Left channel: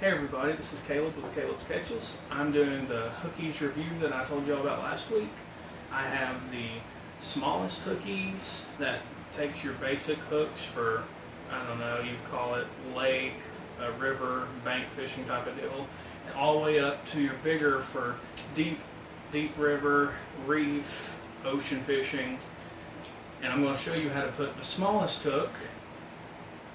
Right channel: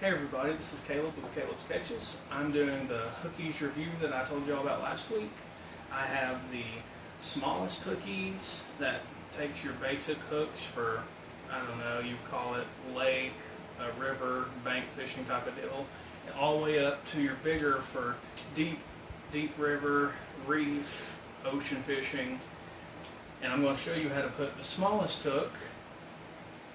Hey everybody, this is Caleb with Caleb's Catches. I'm doing the HOOKEZE review that I told y'all about last week. I have the smallest HOOKEZE that takes your basic hooks for, I don't know, you call it lake, a river, bank fishing type of deal, and all the way up to your bigger for deep river, reef, ocean fishing. And I'm going to show you how to put the smallest hook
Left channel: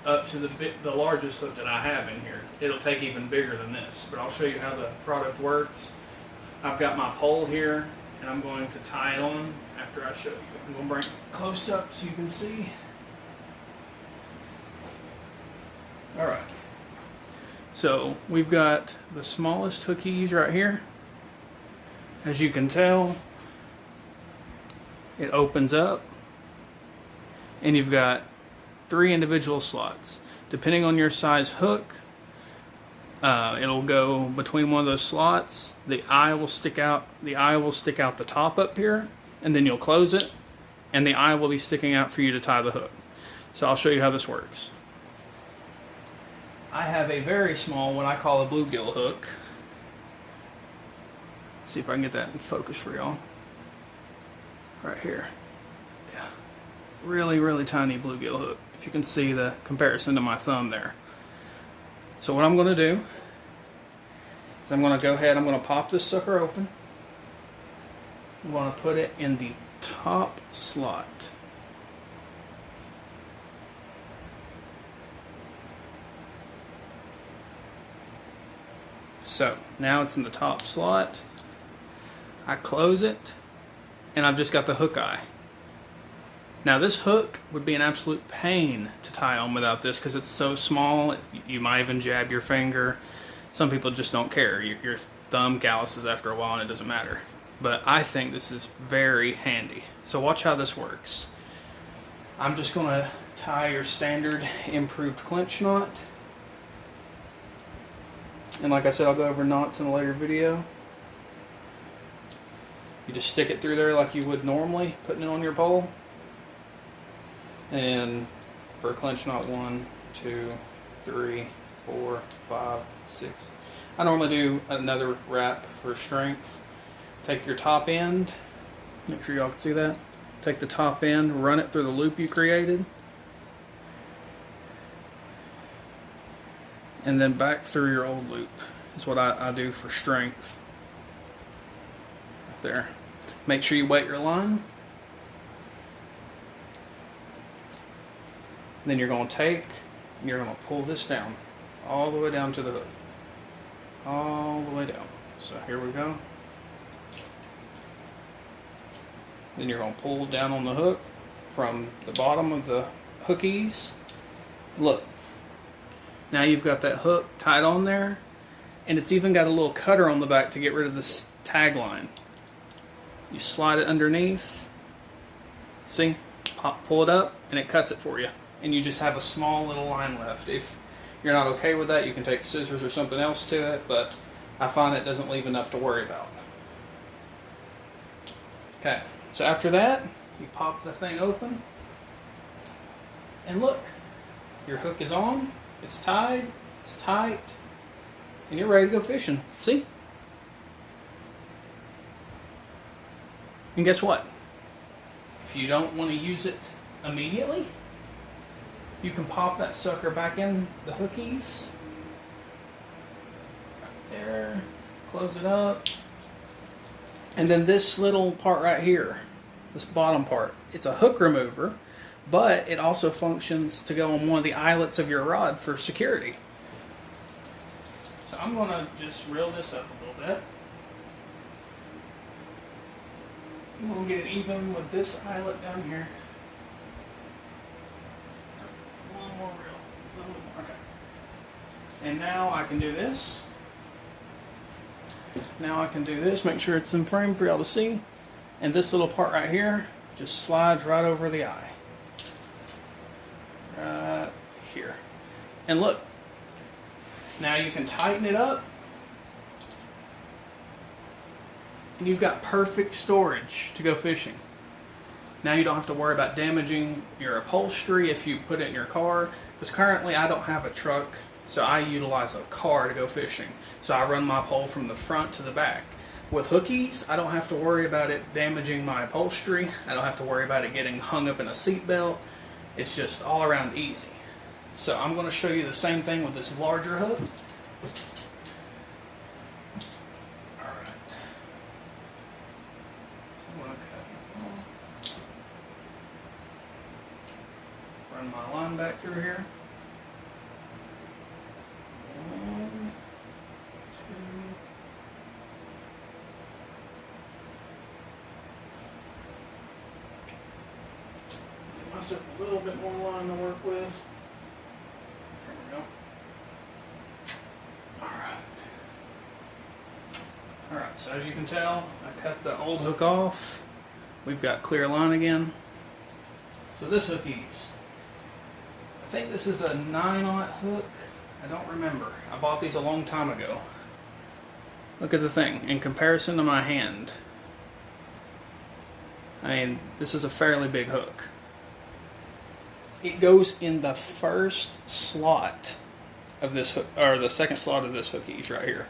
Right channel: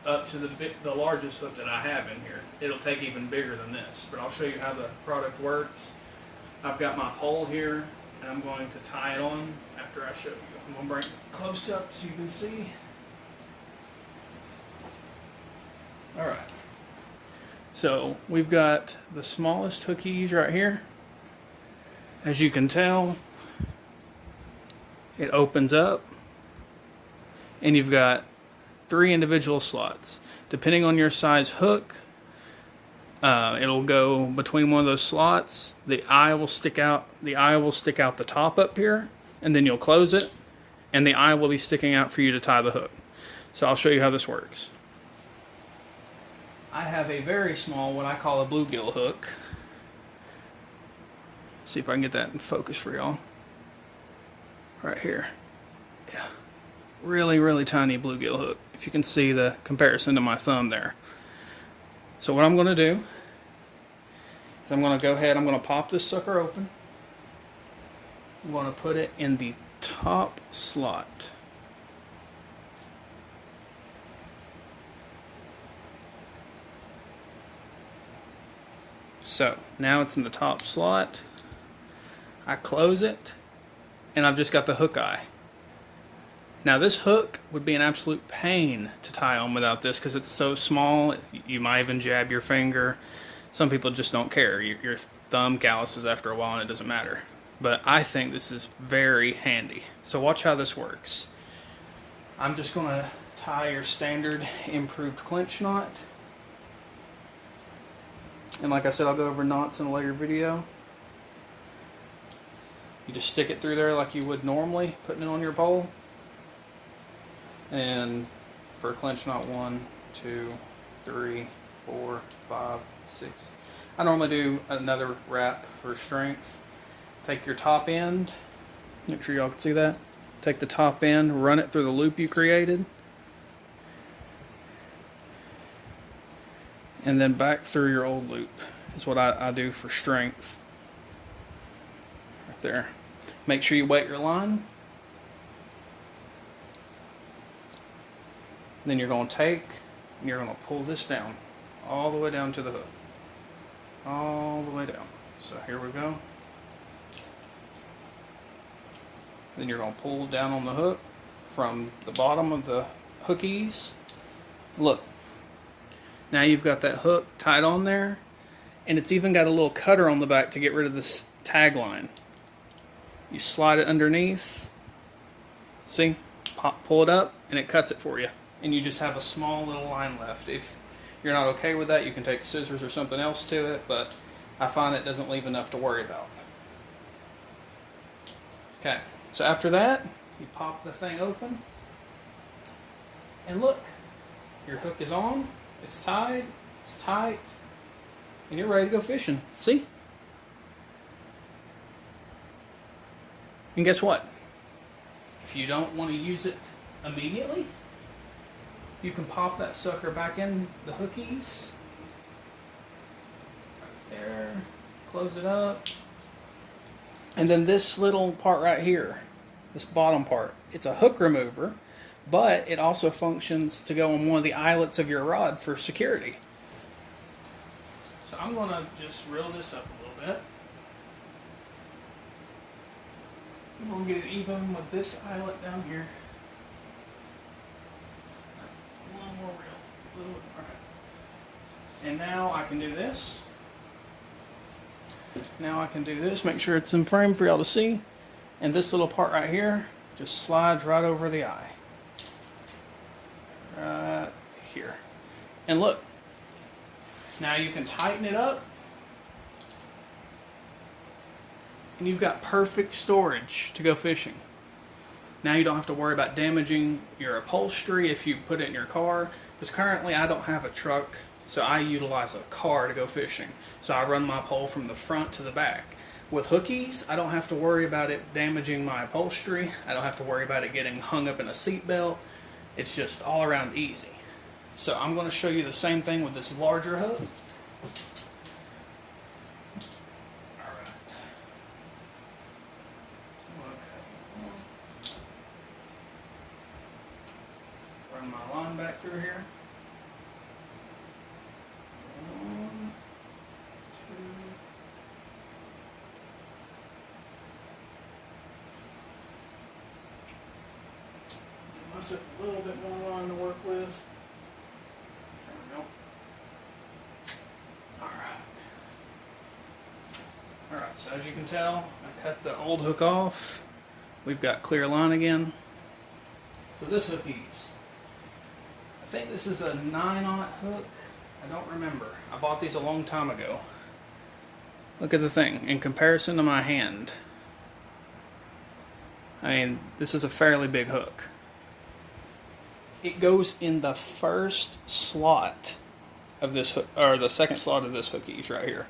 up to the largest hook that I have in here. It'll take even bigger than this, but I'll show you how the product works. I've got my pole here, and I'm going to tie it on after I show you. I'm going to bring it close up so you can see. Alright, so we've got the smallest HOOKEZE right here. As you can tell, it opens up, and you've got 3 individual slots. Depending on your size hook, it'll go between one of those slots. The eye will stick out. The eye will stick out the top up here, and then you'll close it, and the eye will be sticking out for you to tie the hook. So I'll show you how this works. I have a very small, what I call a bluegill hook. See if I can get that in focus for y'all. Right here. Yeah. Really tiny bluegill hook. If you can see the comparison to my thumb there. So what I'm going to do is I'm going to go ahead, I'm going to pop this sucker open. I'm going to put it in the top slot. So now it's in the top slot. I close it, and I've just got the hook eye. Now this hook would be an absolute pain to tie on without this because it's so small. You might even jab your finger. Some people just don't care. Your thumb calluses after a while and it doesn't matter. But I think this is very handy. So watch how this works. I'm just going to tie your standard improved clinch knot. And like I said, I'll go over knots in a later video. You just stick it through there like you would normally, putting it on your pole. And for a clinch knot, 1, 2, 3, 4, 5, 6. I normally do another wrap for strength. Take your top end, make sure y'all can see that. Take the top end, run it through the loop you created, and then back through your old loop. That's what I do for strength. Right there. Make sure you weight your line. Then you're going to take and you're going to pull this down all the way down to the hook. All the way down. So here we go. Then you're going to pull down on the hook from the bottom of the HOOKEZE. Look. Now you've got that hook tied on there, and it's even got a little cutter on the back to get rid of this tag line. You slide it underneath. See? Pull it up and it cuts it for you. And you just have a small little line left. If you're not okay with that, you can take scissors or something else to it, but I find it doesn't leave enough to worry about. Okay, so after that, you pop the thing open, and look, your hook is on, it's tied, it's tight, and you're ready to go fishing. See? And guess what? If you don't want to use it immediately, you can pop that sucker back in the HOOKEZE. Right there. Close it up. And then this little part right here, this bottom part, it's a hook remover, but it also functions to go on one of the eyelets of your rod for security. So I'm going to just reel this up a little bit. I'm going to get it even with this eyelet down here. More real, a little bit more. Okay. And now I can do this. Now I can do this. Make sure it's in frame for y'all to see. And this little part right here just slides right over the eye. Right here. And look. Now you can tighten it up. And you've got perfect storage to go fishing. Now you don't have to worry about damaging your upholstery if you put it in your car, because currently I don't have a truck So I utilize a car to go fishing. So I run my pole from the front to the back. With HOOKEZE, I don't have to worry about it damaging my upholstery. I don't have to worry about it getting hung up in a seat belt. It's just all around easy. So I'm going to show you the same thing with this larger hook. Alright. I'm going to cut it off. Run my line back through here. 1, 2. Give myself a little bit more line to work with. There we go. Alright, so as you can tell, I cut the old hook off. We've got clear line again. So this HOOKEZE, I think this is a 9/0 hook. I don't remember. I bought these a long time ago. Look at the thing. In comparison to my hand, I mean, this is a fairly big hook. It goes in the first slot of this hook, or the second slot of this HOOKEZE right here.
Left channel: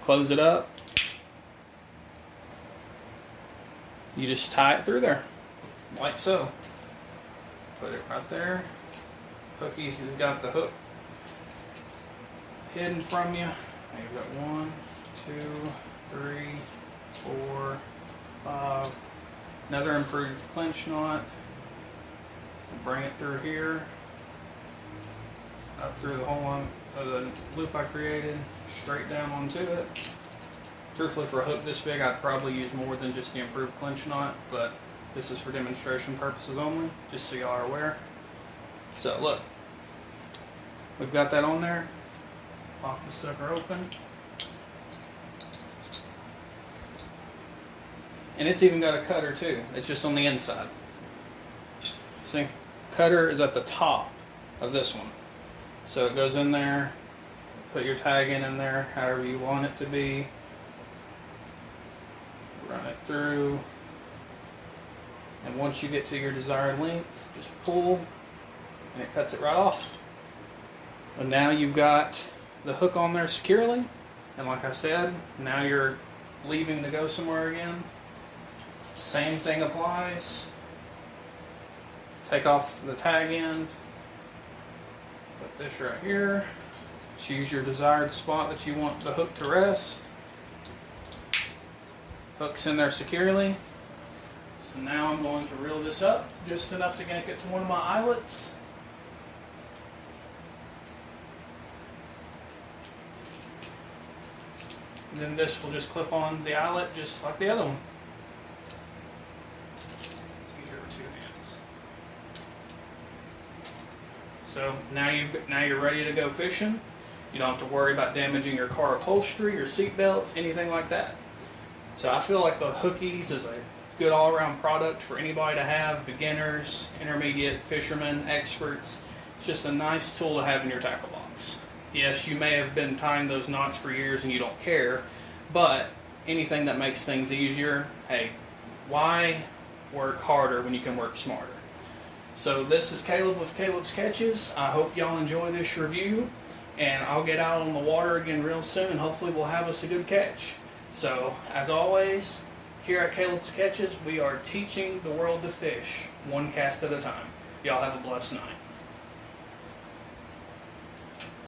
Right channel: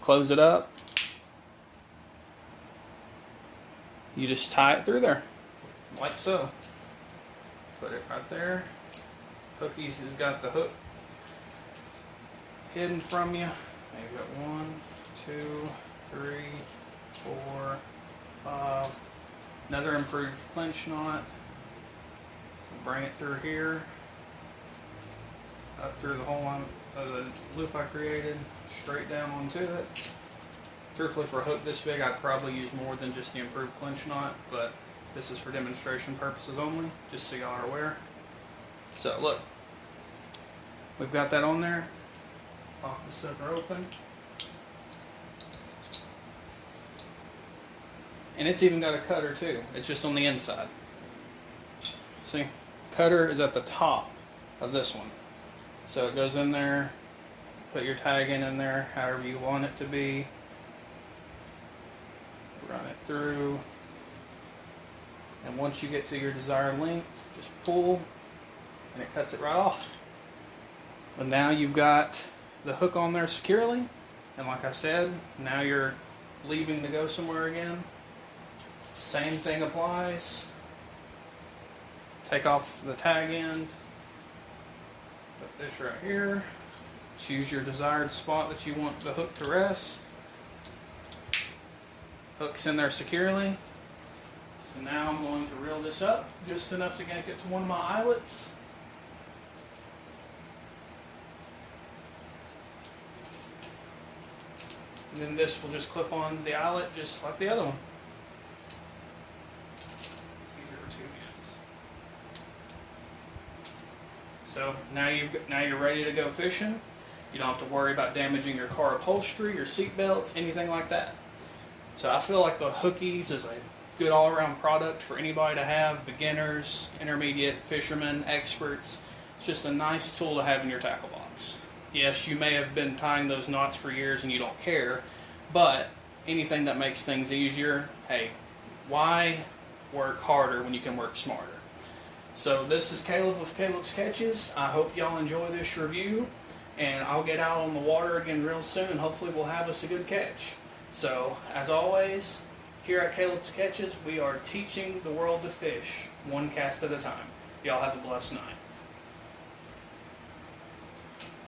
Close it up. You just tie it through there, like so. Put it right there. HOOKEZE has got the hook hidden from you. Now you've got 1, 2, 3, 4, 5. Another improved clinch knot. Bring it through here, up through the whole line of the loop I created, straight down onto it. Truthfully, for a hook this big, I'd probably use more than just the improved clinch knot, but this is for demonstration purposes only, just so y'all are aware. So look, we've got that on there. Pop the sucker open. And it's even got a cutter too. It's just on the inside. See? Cutter is at the top of this one. So it goes in there, put your tag in there, however you want it to be. Run it through. And once you get to your desired length, just pull and it cuts it right off. And now you've got the hook on there securely. And like I said, now you're leaving to go somewhere again. Same thing applies. Take off the tag end. Put this right here. Choose your desired spot that you want the hook to rest. Hook's in there securely. So now I'm going to reel this up just enough to get it to one of my eyelets. And then this will just clip on the eyelet just like the other one. It's easier with 2 hands. So now you're ready to go fishing. You don't have to worry about damaging your car upholstery, your seat belts, anything like that. So I feel like the HOOKEZE is a good all-around product for anybody to have, beginners, intermediate, fishermen, experts. It's just a nice tool to have in your tackle box. Yes, you may have been tying those knots for years and you don't care, but anything that makes things easier, hey, why work harder when you can work smarter? So this is Caleb with Caleb's Catches. I hope y'all enjoy this review, and I'll get out on the water again real soon, and hopefully we'll have us a good catch. So, as always, here at Caleb's Catches, we are teaching the world to fish, one cast at a time. Y'all have a blessed night.